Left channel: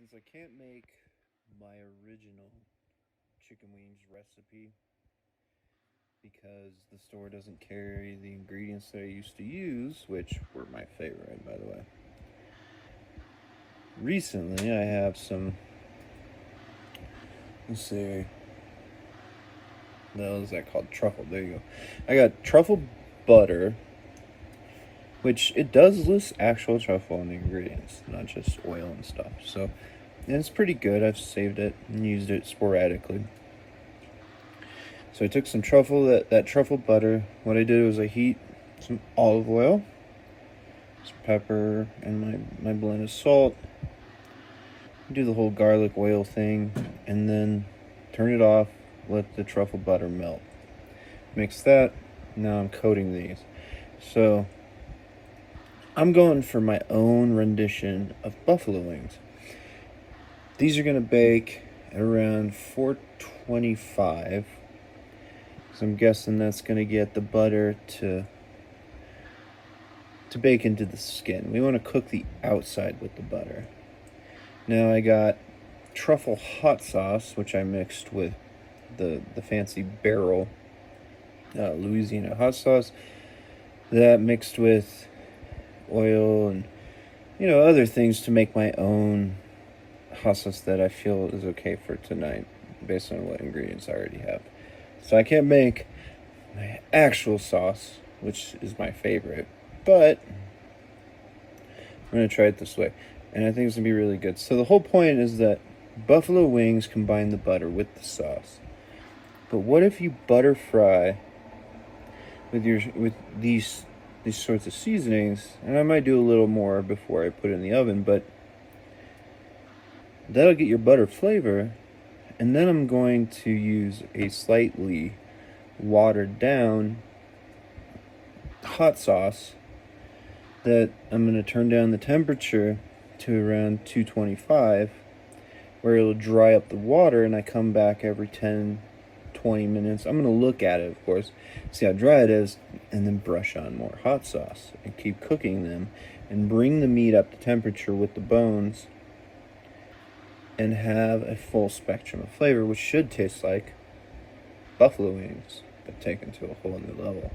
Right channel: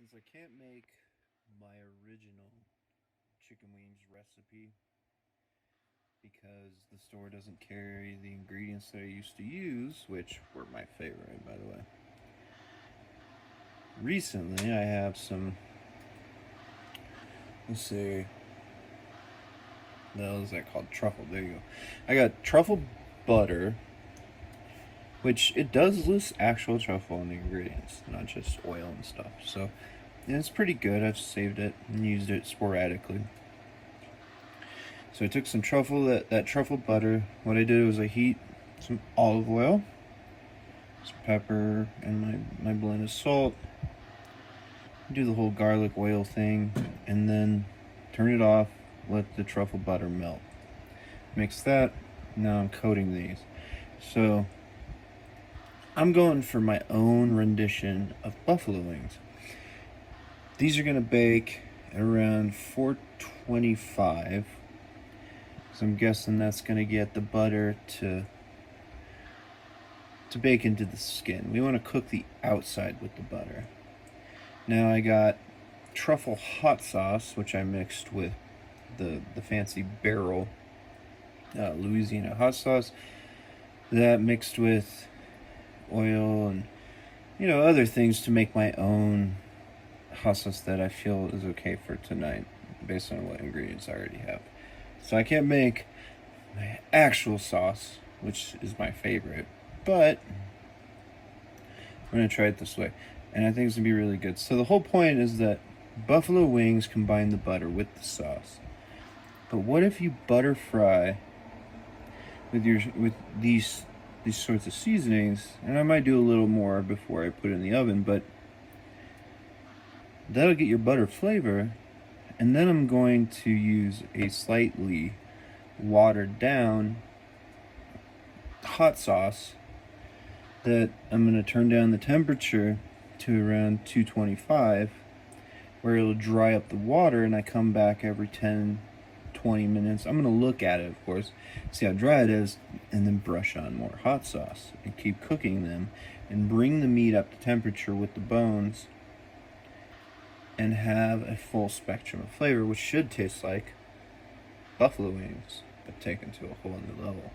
Since I can't make my original chicken wings recipe because the store doesn't carry the ingredients that I used to use, which were my favorite, by the way. Recently, I have some, let's see, no, is that called truffle? There you go. I got truffle butter, which it does list actual truffle in the ingredients, not just oil and stuff. So it's pretty good. I've saved it and used it sporadically. So I took some truffle, that truffle butter. What I did was I heat some olive oil, some pepper, and my blend of salt. Do the whole garlic oil thing, and then turn it off, let the truffle butter melt. Mix that. Now I'm coating these. So I'm going for my own rendition of buffalo wings. These are gonna bake at around 425. So I'm guessing that's gonna get the butter to bake into the skin. We want to cook the outside with the butter. Now I got truffle hot sauce, which I mixed with the fancy barrel Louisiana hot sauce. That mixed with oil and other things to make my own hot sauce that I feel is okay for tonight based on what ingredients I already have. So I can't make my actual sauce, which is my favorite, but I'm gonna try it this way, and I think it's gonna be really good. So the whole point is that buffalo wings combine the butter with the sauce. But what if you butter fry with these sorts of seasonings? And I might do a little more before I put it in the oven, but that'll get your butter flavor. And then I'm going to use a slightly watered down hot sauce that I'm going to turn down the temperature to around 225, where it'll dry up the water, and I come back every 10-20 minutes. I'm going to look at it, of course, see how dry it is, and then brush on more hot sauce and keep cooking them and bring the meat up to temperature with the bones and have a full spectrum of flavor, which should taste like buffalo wings, but taken to a whole new level.